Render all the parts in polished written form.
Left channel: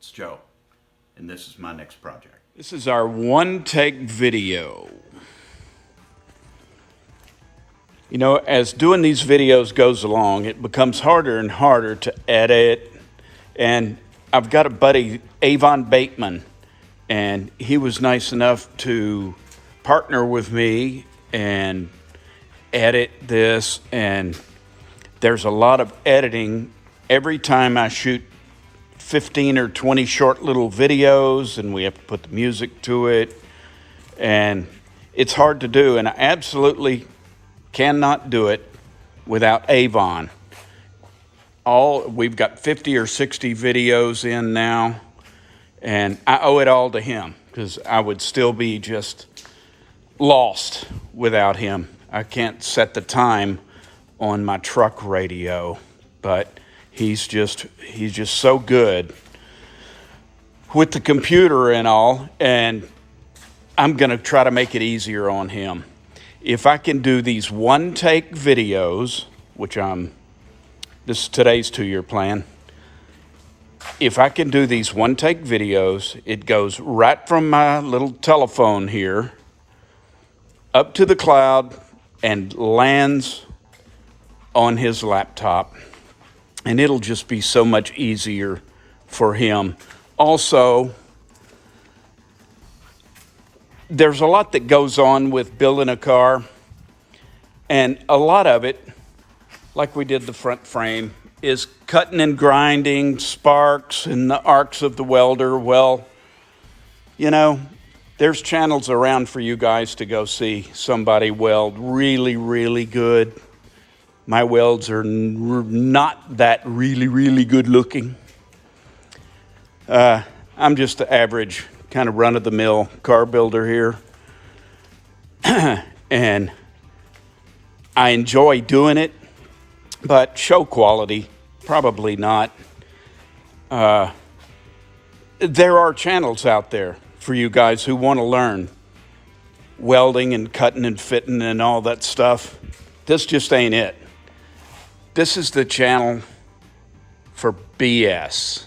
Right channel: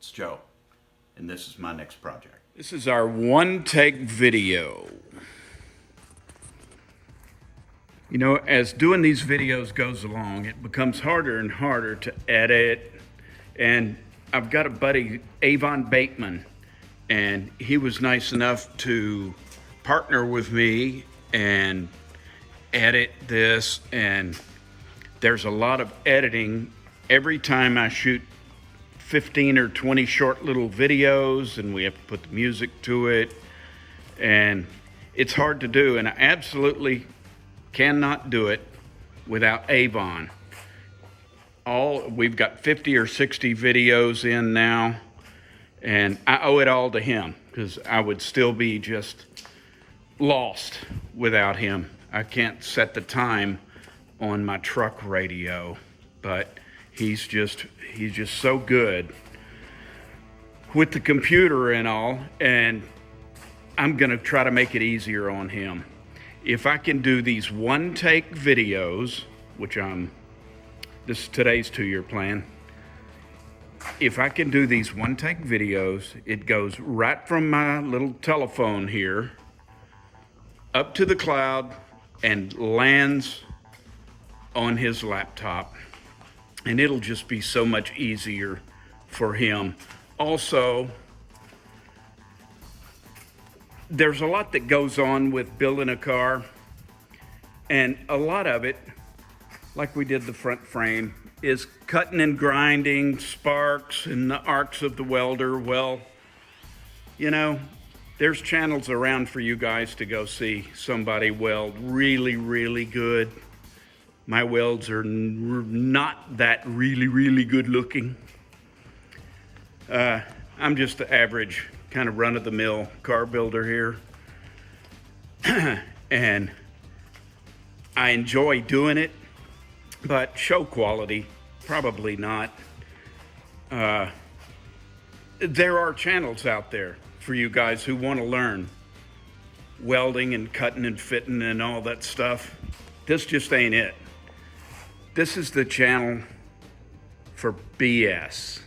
It's Joe, and this is my next project. This is our one-take video. You know, as doing these videos goes along, it becomes harder and harder to edit. And I've got a buddy, Avon Bateman, and he was nice enough to partner with me and edit this. And there's a lot of editing every time I shoot 15 or 20 short little videos, and we have to put the music to it, and it's hard to do, and I absolutely cannot do it without Avon. We've got 50 or 60 videos in now, and I owe it all to him because I would still be just lost without him. I can't set the time on my truck radio, but he's just so good with the computer and all, and I'm gonna try to make it easier on him. If I can do these one-take videos, which this is today's 2-year plan. If I can do these one-take videos, it goes right from my little telephone here up to the cloud and lands on his laptop. And it'll just be so much easier for him. Also, there's a lot that goes on with building a car, and a lot of it, like we did the front frame, is cutting and grinding sparks and the arcs of the welder. Well, you know, there's channels around for you guys to go see somebody weld really, really good. My welds are not that really good looking. I'm just the average kind of run-of-the-mill car builder here. And I enjoy doing it, but show quality, probably not. There are channels out there for you guys who want to learn welding and cutting and fitting and all that stuff. This just ain't it. This is the channel for BS,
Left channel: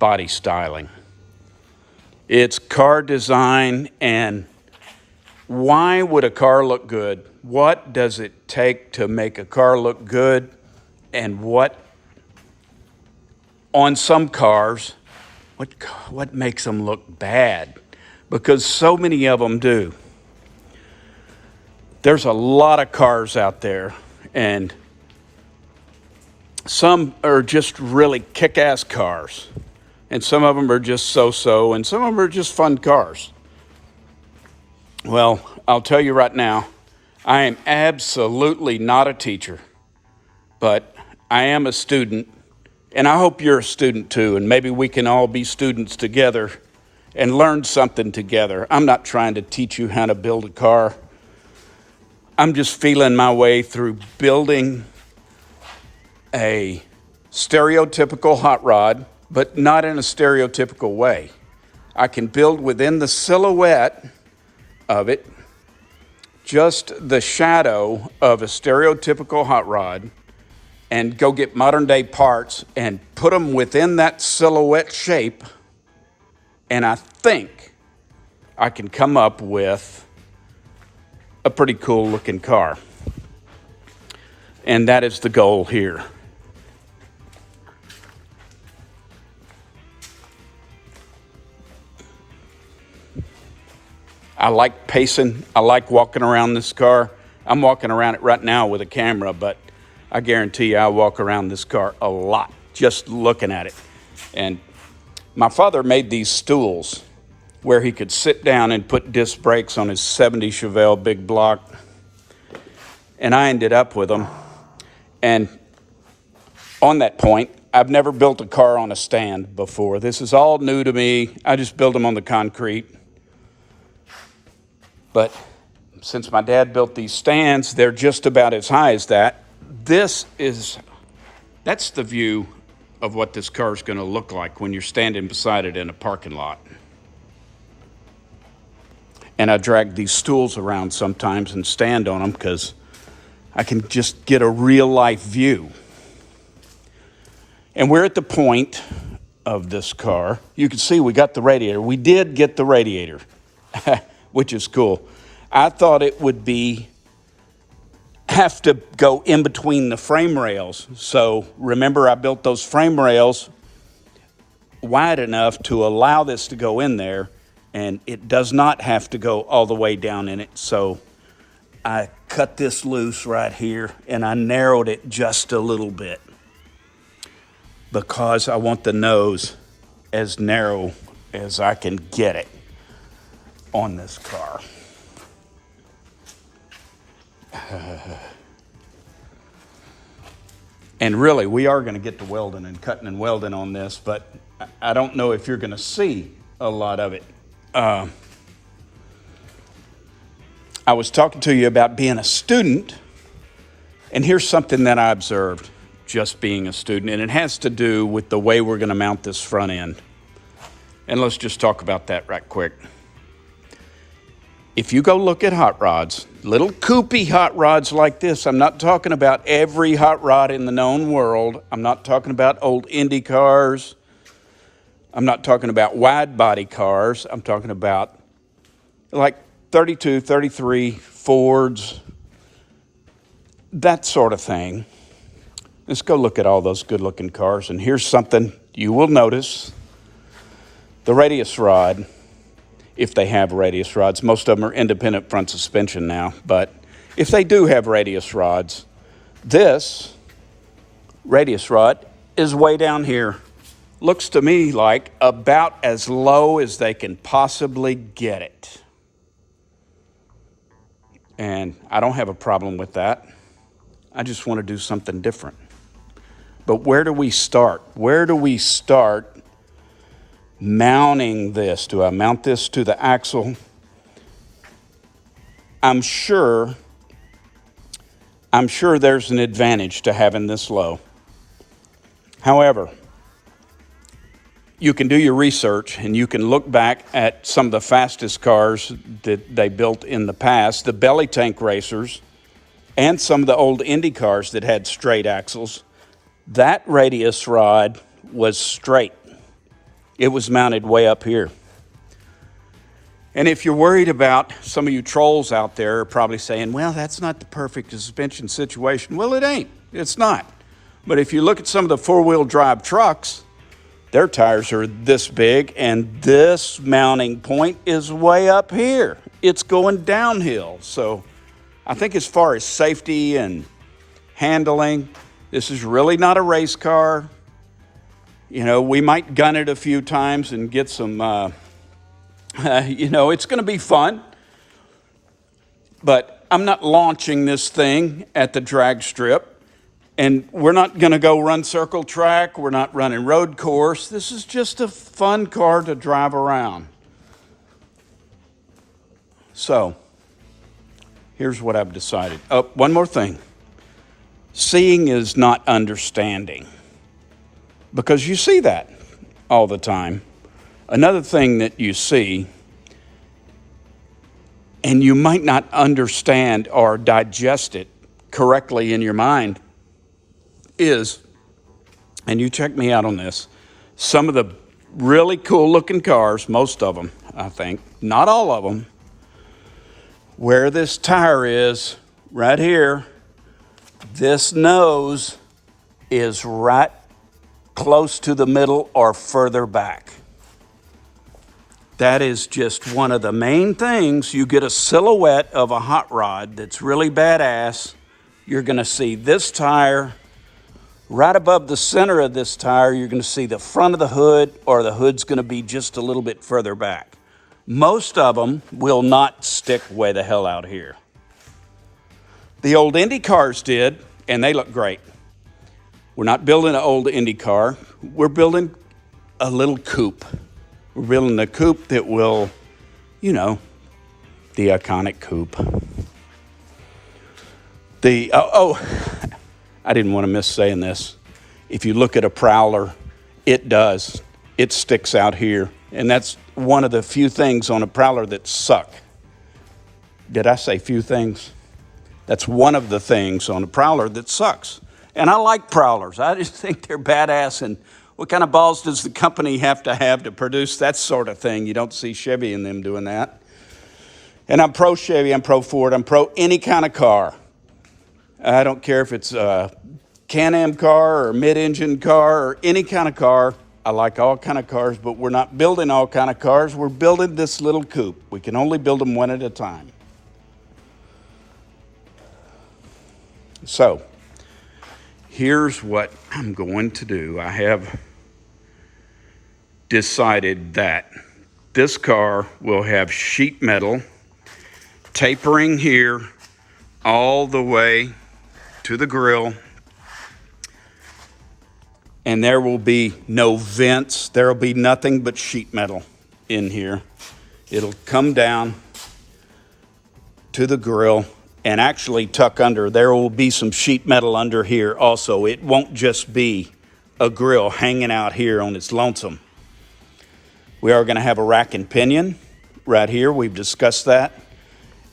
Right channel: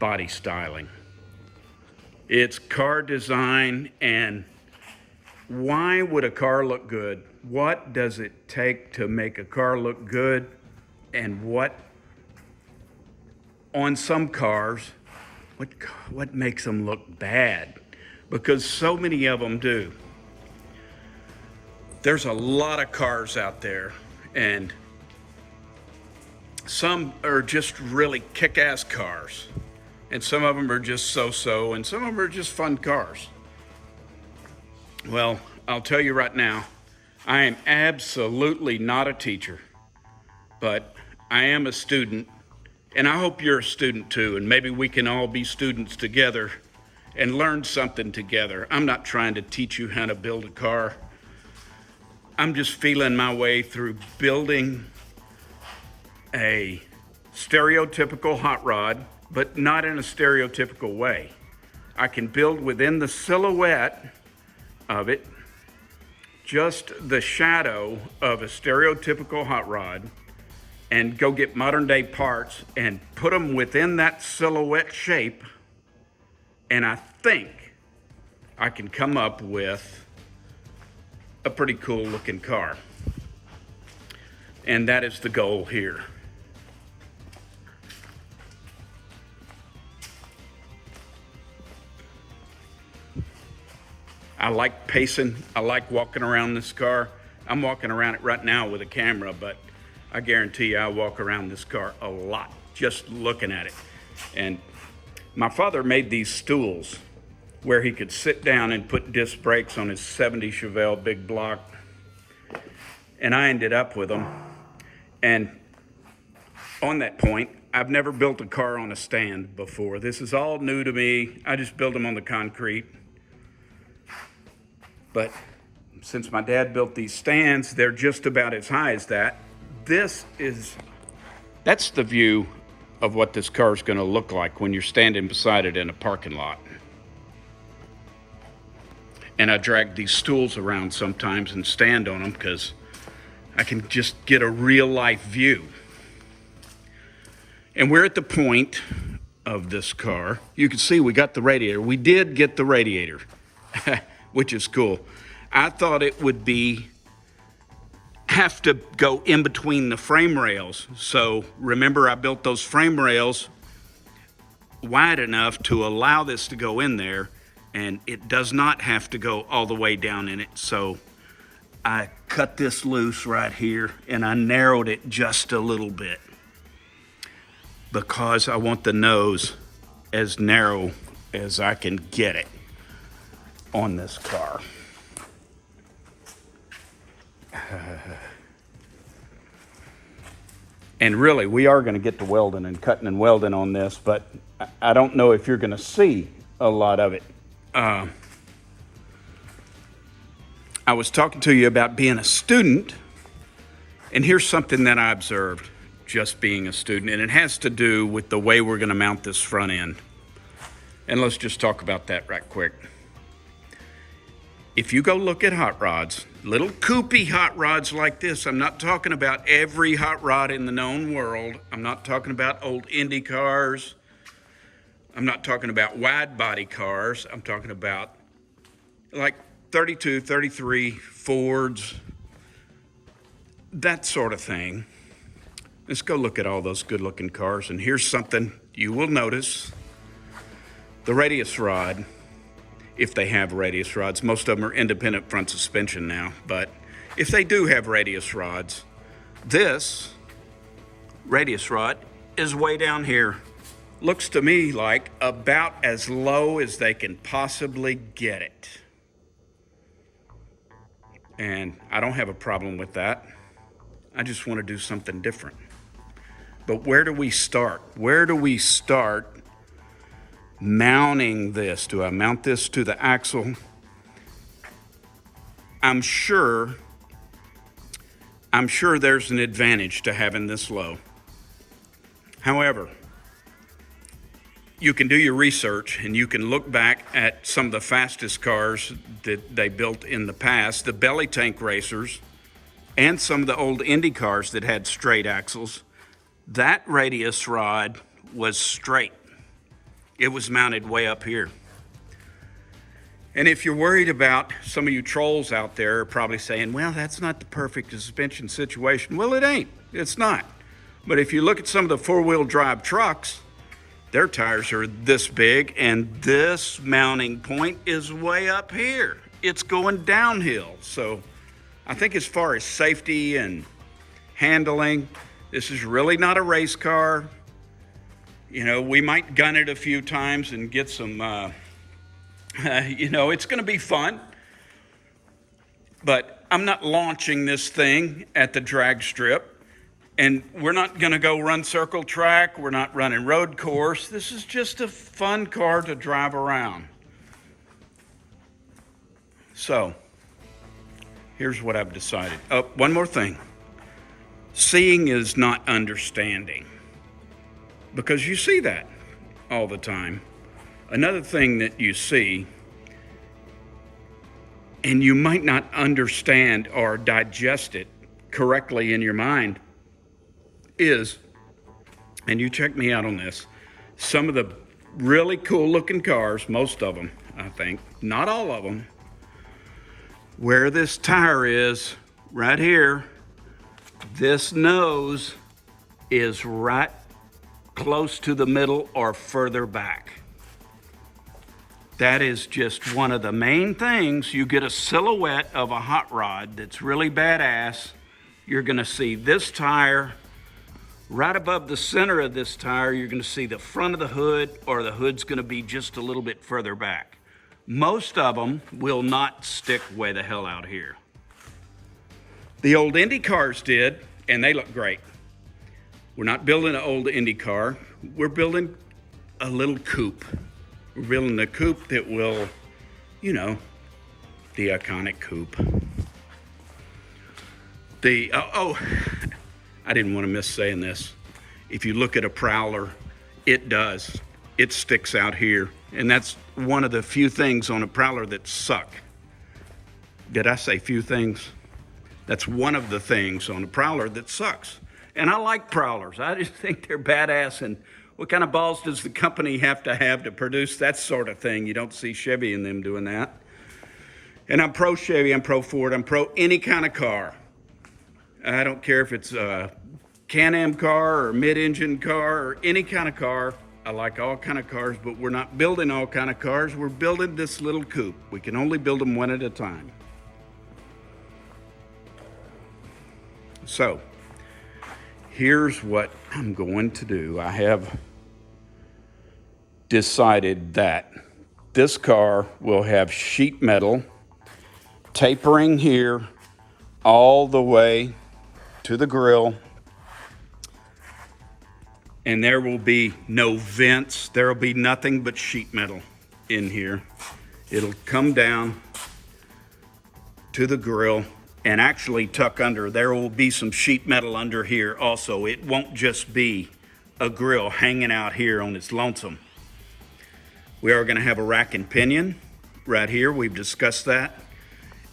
body styling. It's car design, and why would a car look good? What does it take to make a car look good? And what, on some cars, what makes them look bad? Because so many of them do. There's a lot of cars out there, and some are just really kick-ass cars, and some of them are just so-so, and some of them are just fun cars. Well, I'll tell you right now, I am absolutely not a teacher, but I am a student, and I hope you're a student too, and maybe we can all be students together and learn something together. I'm not trying to teach you how to build a car. I'm just feeling my way through building a stereotypical hot rod, but not in a stereotypical way. I can build within the silhouette of it, just the shadow of a stereotypical hot rod, and go get modern day parts and put them within that silhouette shape, and I think I can come up with a pretty cool looking car. And that is the goal here. I like pacing. I like walking around this car. I'm walking around it right now with a camera, but I guarantee you I walk around this car a lot just looking at it. And my father made these stools where he could sit down and put disc brakes on his 70 Chevelle big block. And I ended up with them. And on that point, I've never built a car on a stand before. This is all new to me. I just build them on the concrete. But since my dad built these stands, they're just about as high as that. That's the view of what this car is going to look like when you're standing beside it in a parking lot. And I drag these stools around sometimes and stand on them because I can just get a real life view. And we're at the point of this car. You can see we got the radiator. We did get the radiator, which is cool. I thought it would have to go in between the frame rails. So remember, I built those frame rails wide enough to allow this to go in there, and it does not have to go all the way down in it. So I cut this loose right here and I narrowed it just a little bit because I want the nose as narrow as I can get it on this car. And really, we are going to get to welding and cutting and welding on this, but I don't know if you're going to see a lot of it. I was talking to you about being a student, and here's something that I observed just being a student, and it has to do with the way we're going to mount this front end. And let's just talk about that right quick. If you go look at hot rods, little coupé hot rods like this, I'm not talking about every hot rod in the known world. I'm not talking about old Indy cars. I'm not talking about wide body cars. I'm talking about like 32, 33 Fords, that sort of thing. Let's go look at all those good looking cars. And here's something you will notice. The radius rod, if they have radius rods, most of them are independent front suspension now, but if they do have radius rods, this radius rod is way down here. Looks to me like about as low as they can possibly get it. And I don't have a problem with that. I just want to do something different. But where do we start? Where do we start mounting this? Do I mount this to the axle? I'm sure there's an advantage to having this low. However, you can do your research and you can look back at some of the fastest cars that they built in the past, the belly tank racers, and some of the old Indy cars that had straight axles. That radius rod was straight. It was mounted way up here. And if you're worried about, some of you trolls out there are probably saying, well, that's not the perfect suspension situation. Well, it ain't. It's not. But if you look at some of the four-wheel drive trucks, their tires are this big, and this mounting point is way up here. It's going downhill. So I think as far as safety and handling, this is really not a race car. You know, we might gun it a few times and get some, it's going to be fun. But I'm not launching this thing at the drag strip. And we're not going to go run circle track. We're not running road course. This is just a fun car to drive around. So, here's what I've decided. Oh, one more thing. Seeing is not understanding. Because you see that all the time. Another thing that you see, and you might not understand or digest it correctly in your mind, is, and you check me out on this, some of the really cool looking cars, most of them, I think, not all of them, where this tire is right here, this nose is right close to the middle or further back. That is just one of the main things. You get a silhouette of a hot rod that's really badass. You're going to see this tire. Right above the center of this tire, you're going to see the front of the hood, or the hood's going to be just a little bit further back. Most of them will not stick way the hell out here. The old Indy cars did, and they look great. We're not building an old Indy car. We're building a little coupe. We're building a coupe that will, the iconic coupe. I didn't want to miss saying this. If you look at a Prowler, it does. It sticks out here. And that's one of the few things on a Prowler that suck. Did I say few things? That's one of the things on a Prowler that sucks. And I like Prowlers. I just think they're badass. And, What kind of balls does the company have to produce that sort of thing? You don't see Chevy and them doing that. And I'm pro Chevy, I'm pro Ford, I'm pro any kind of car. I don't care if it's a Can-Am car or mid-engine car or any kind of car. I like all kind of cars, but we're not building all kind of cars. We're building this little coupe. We can only build them one at a time. So, here's what I'm going to do. I have decided that this car will have sheet metal tapering here all the way to the grill. And there will be no vents. There will be nothing but sheet metal in here. It'll come down to the grill and actually tuck under. There will be some sheet metal under here also. It won't just be a grill hanging out here on its lonesome. We are going to have a rack and pinion right here. We've discussed that.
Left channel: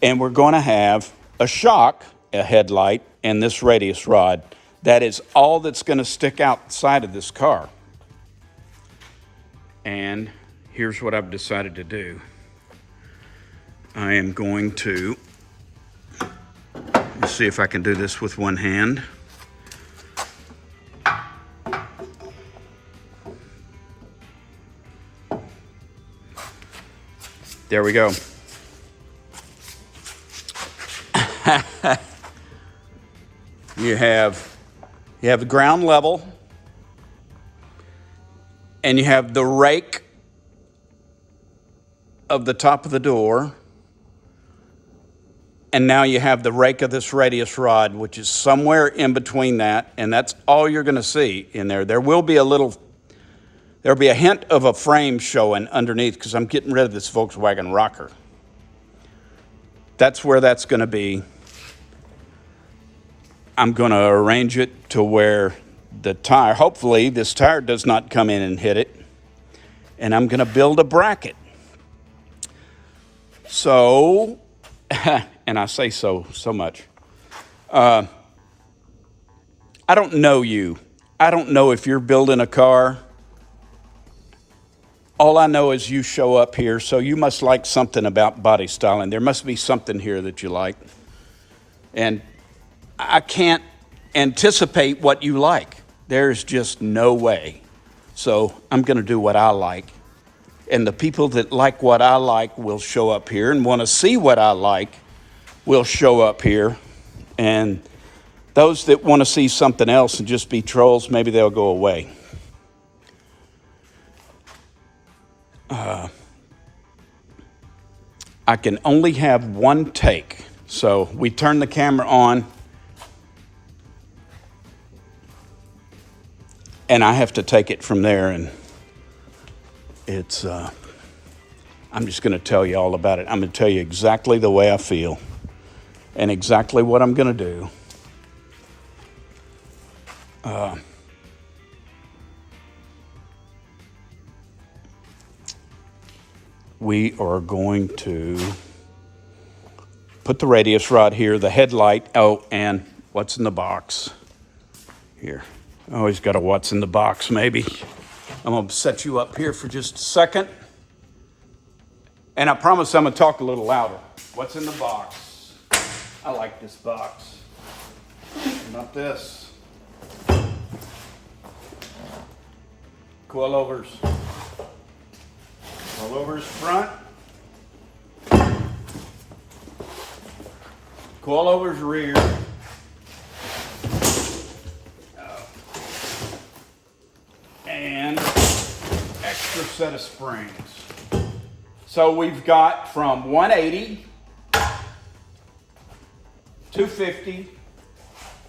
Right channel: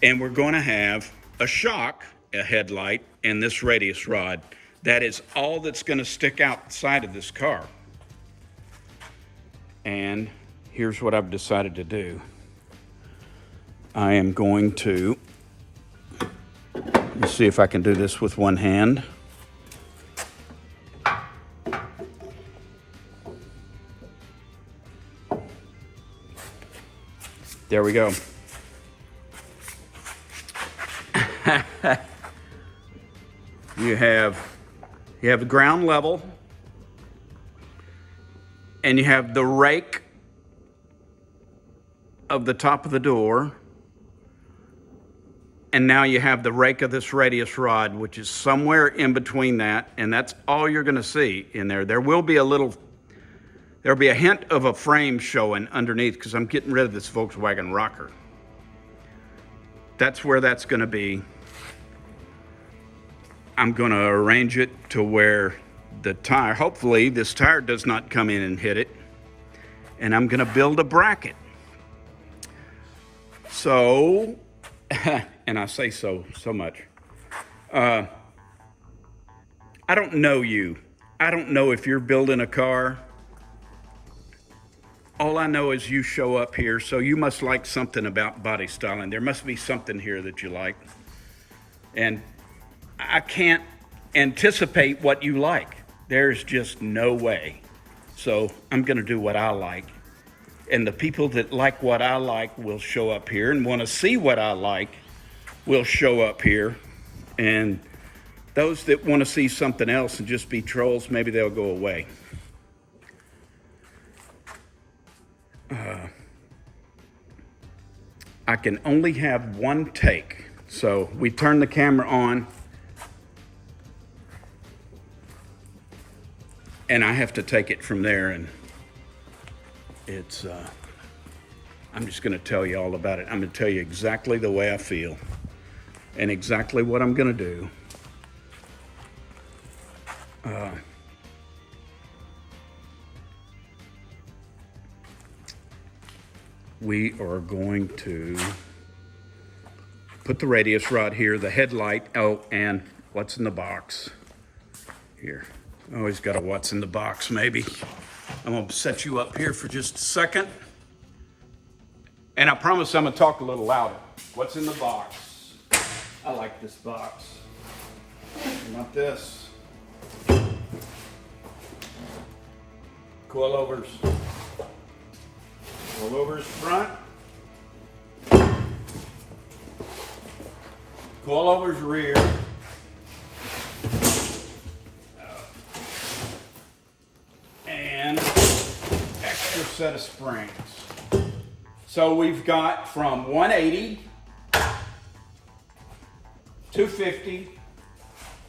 And we're going to have a shock, a headlight, and this radius rod. That is all that's going to stick outside of this car. And here's what I've decided to do. I am going to, let's see if I can do this with one hand. There we go. You have the ground level, and you have the rake of the top of the door, and now you have the rake of this radius rod, which is somewhere in between that, and that's all you're going to see in there. There'll be a hint of a frame showing underneath because I'm getting rid of this Volkswagen rocker. That's where that's going to be. I'm going to arrange it to where the tire, hopefully this tire does not come in and hit it. And I'm going to build a bracket. So, and I say so much. I don't know you. I don't know if you're building a car. All I know is you show up here, so you must like something about body styling. There must be something here that you like. And I can't anticipate what you like. There's just no way. So I'm going to do what I like. And the people that like what I like will show up here, and want to see what I like will show up here. And those that want to see something else and just be trolls, maybe they'll go away. I can only have one take. So we turn the camera on, and I have to take it from there, and it's, I'm just going to tell you all about it. I'm going to tell you exactly the way I feel and exactly what I'm going to do. We are going to put the radius rod here, the headlight. Oh, and what's in the box here. Always got a what's in the box, maybe. I'm going to set you up here for just a second. And I promise I'm going to talk a little louder. What's in the box? I like this box. Not this. Coilovers. Coilovers front. Coilovers rear. And extra set of springs. So we've got from 180, 250,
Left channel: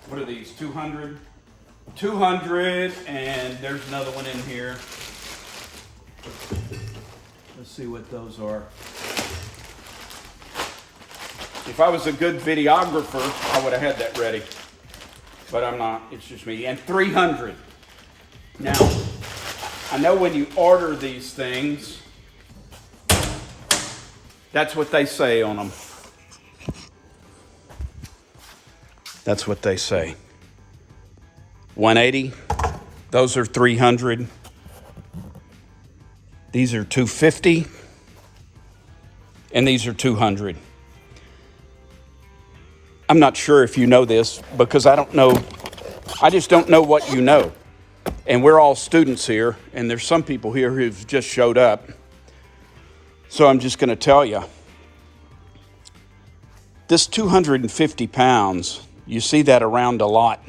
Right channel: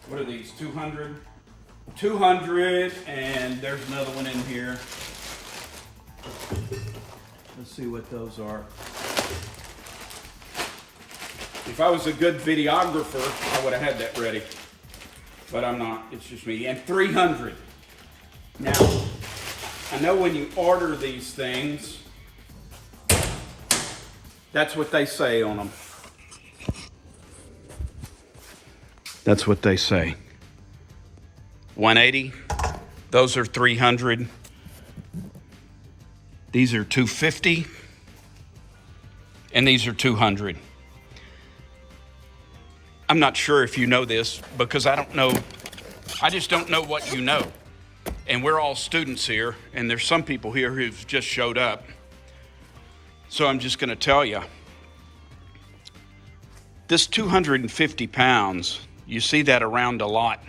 what are these, 200, 200, and there's another one in here. Let's see what those are. If I was a good videographer, I would have had that ready. But I'm not, it's just me. And 300. Now, I know when you order these things, that's what they say on them. That's what they say. 180, those are 300. These are 250 and these are 200. I'm not sure if you know this because I just don't know what you know. And we're all students here, and there's some people here who've just showed up. So I'm just gonna tell you, this 250 pounds, you see that around a lot.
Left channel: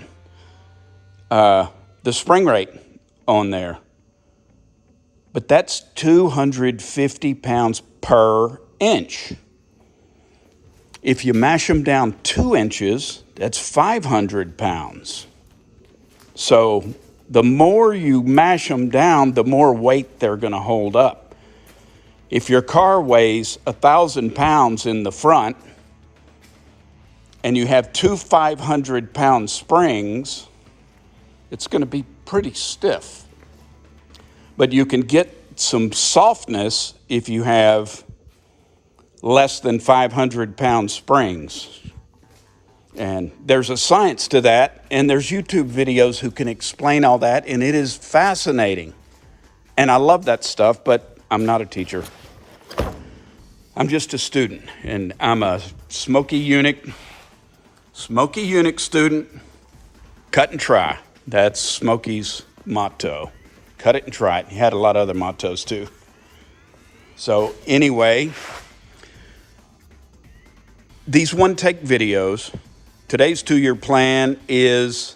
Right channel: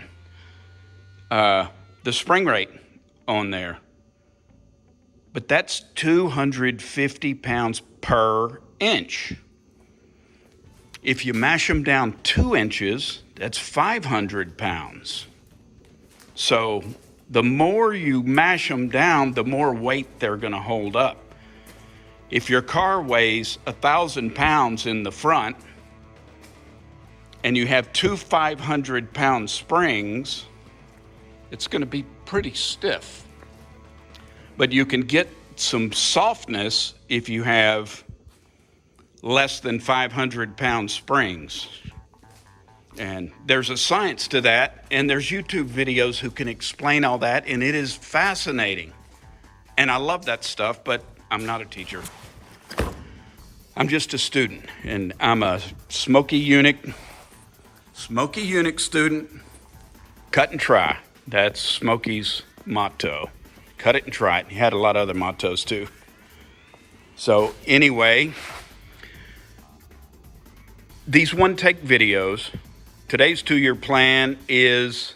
The spring rate on there, but that's 250 pounds per inch. If you mash them down 2 inches, that's 500 pounds. So the more you mash them down, the more weight they're going to hold up. If your car weighs 1,000 pounds in the front and you have two 500-pound springs, it's going to be pretty stiff. But you can get some softness if you have less than 500-pound springs. And there's a science to that, and there's YouTube videos who can explain all that, and it is fascinating. And I love that stuff, but I'm not a teacher. I'm just a student, and I'm a Smoky Eunuch student. Cut and try. That's Smokey's motto. Cut it and try it. He had a lot of other mottos too. So anyway, these one-take videos, today's 2-year plan is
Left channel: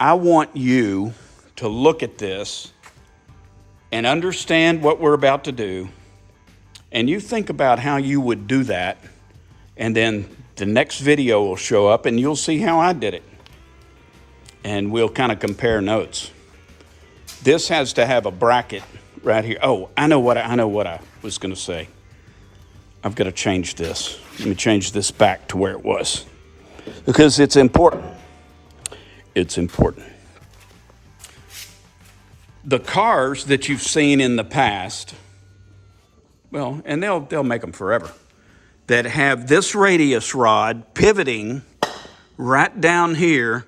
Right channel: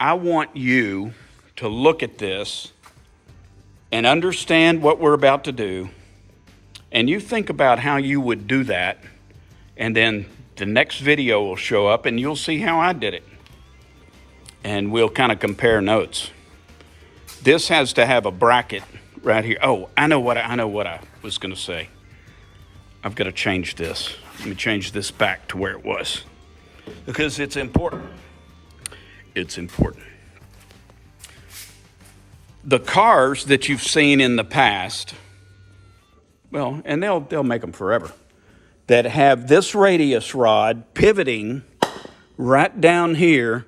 I want you to look at this and understand what we're about to do, and you think about how you would do that, and then the next video will show up and you'll see how I did it. And we'll kind of compare notes. This has to have a bracket right here. Oh, I know what I was going to say. I've got to change this. Let me change this back to where it was because it's important. It's important. The cars that you've seen in the past, well, and they'll make them forever, that have this radius rod pivoting right down here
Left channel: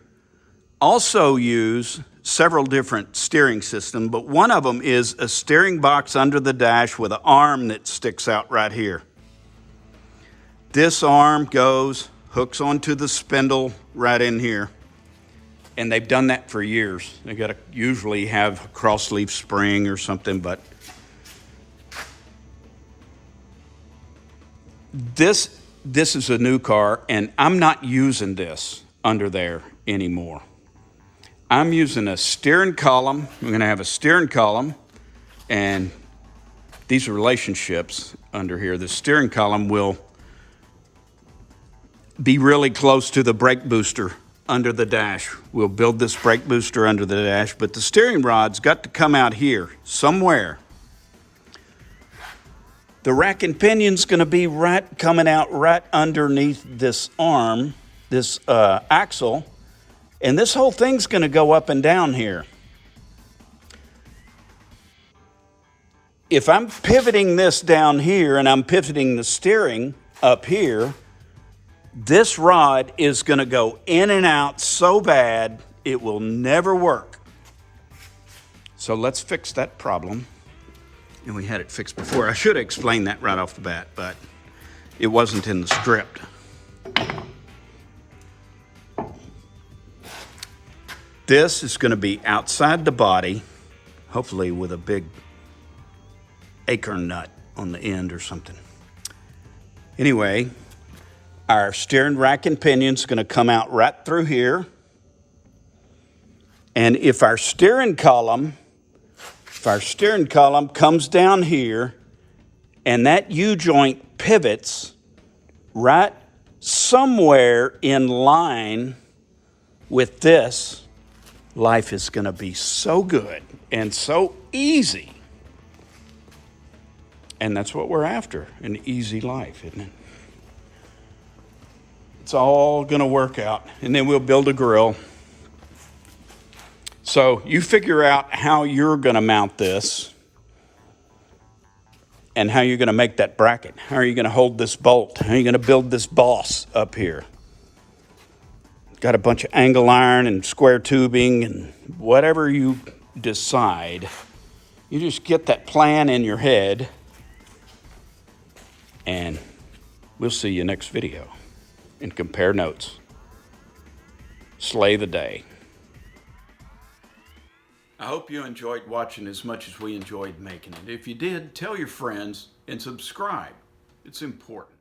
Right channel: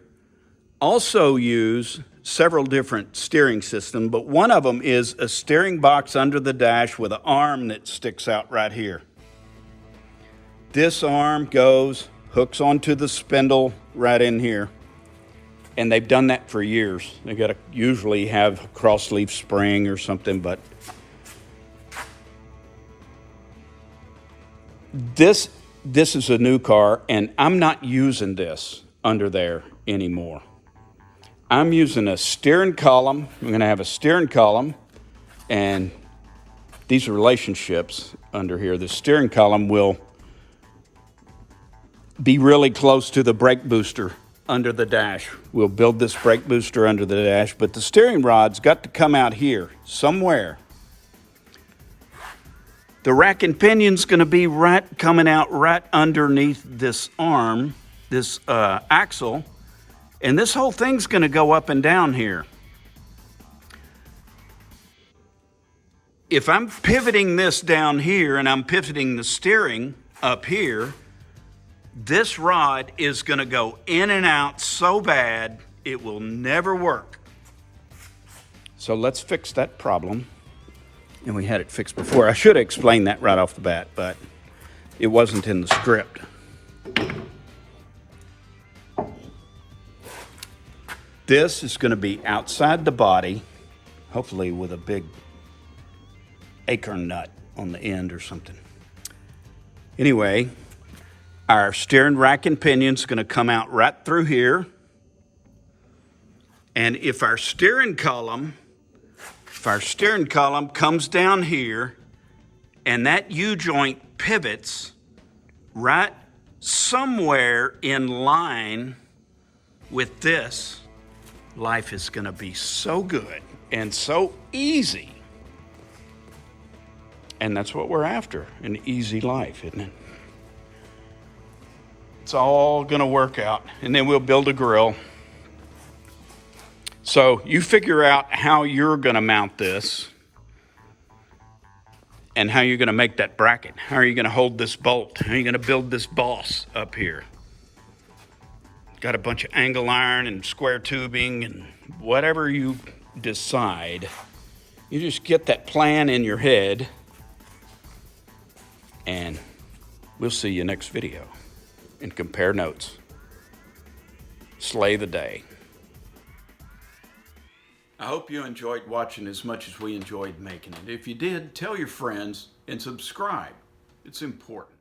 also use several different steering systems, but one of them is a steering box under the dash with an arm that sticks out right here. This arm goes, hooks onto the spindle right in here, and they've done that for years. They got to usually have a cross-leaf spring or something, but this is a new car, and I'm not using this under there anymore. I'm using a steering column. I'm going to have a steering column, and these relationships under here, the steering column will be really close to the brake booster under the dash. We'll build this brake booster under the dash, but the steering rod's got to come out here somewhere. The rack and pinion's going to be coming out right underneath this arm, this axle. And this whole thing's going to go up and down here. If I'm pivoting this down here and I'm pivoting the steering up here, this rod is going to go in and out so bad it will never work. So let's fix that problem. And we had it fixed before. I should have explained that right off the bat, but it wasn't in the script. This is going to be outside the body, hopefully with a big acorn nut on the end or something. Anyway, our steering rack and pinion is going to come out right through here. And if our steering column comes down here and that U-joint pivots right somewhere in line with this, life is going to be so good and so easy. And that's what we're after, an easy life, isn't it? It's all going to work out. And then we'll build a grill. So you figure out how you're going to mount this and how you're going to make that bracket. How are you going to hold this bolt? How are you going to build this boss up here? Got a bunch of angle iron and square tubing and whatever you decide, You just get that plan in your head, and we'll see you next video and compare notes. Slay the day. I hope you enjoyed watching as much as we enjoyed making it. If you did, tell your friends and subscribe. It's important.